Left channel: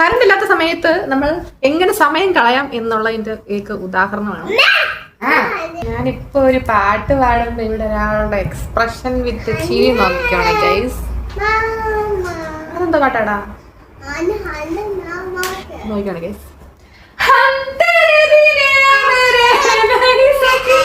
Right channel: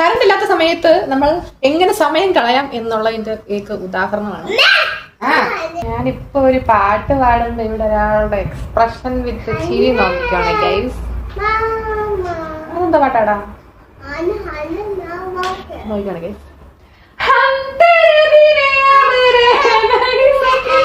Current ഇല്ലാത്ത സമയത്ത് നമ്മൾ എങ്ങനെ സമയം കളയാം എന്നുള്ളതിന്റെ ഏക ഉദാഹരണമാണ്. ഞാനിപ്പോ ഒരു പാട്ട് പാടുമ്പോ ഇവിടെ ഒരാളുടെ എക്സ്പ്രഷൻ വിത്ത് ചിരി നോക്കിയാണ് ഗൈസ്. അതെന്താ പാട്ടാടാ നോക്കിയാണ് ഗൈസ്. हम तेरे बिना मेरे नहीं सकते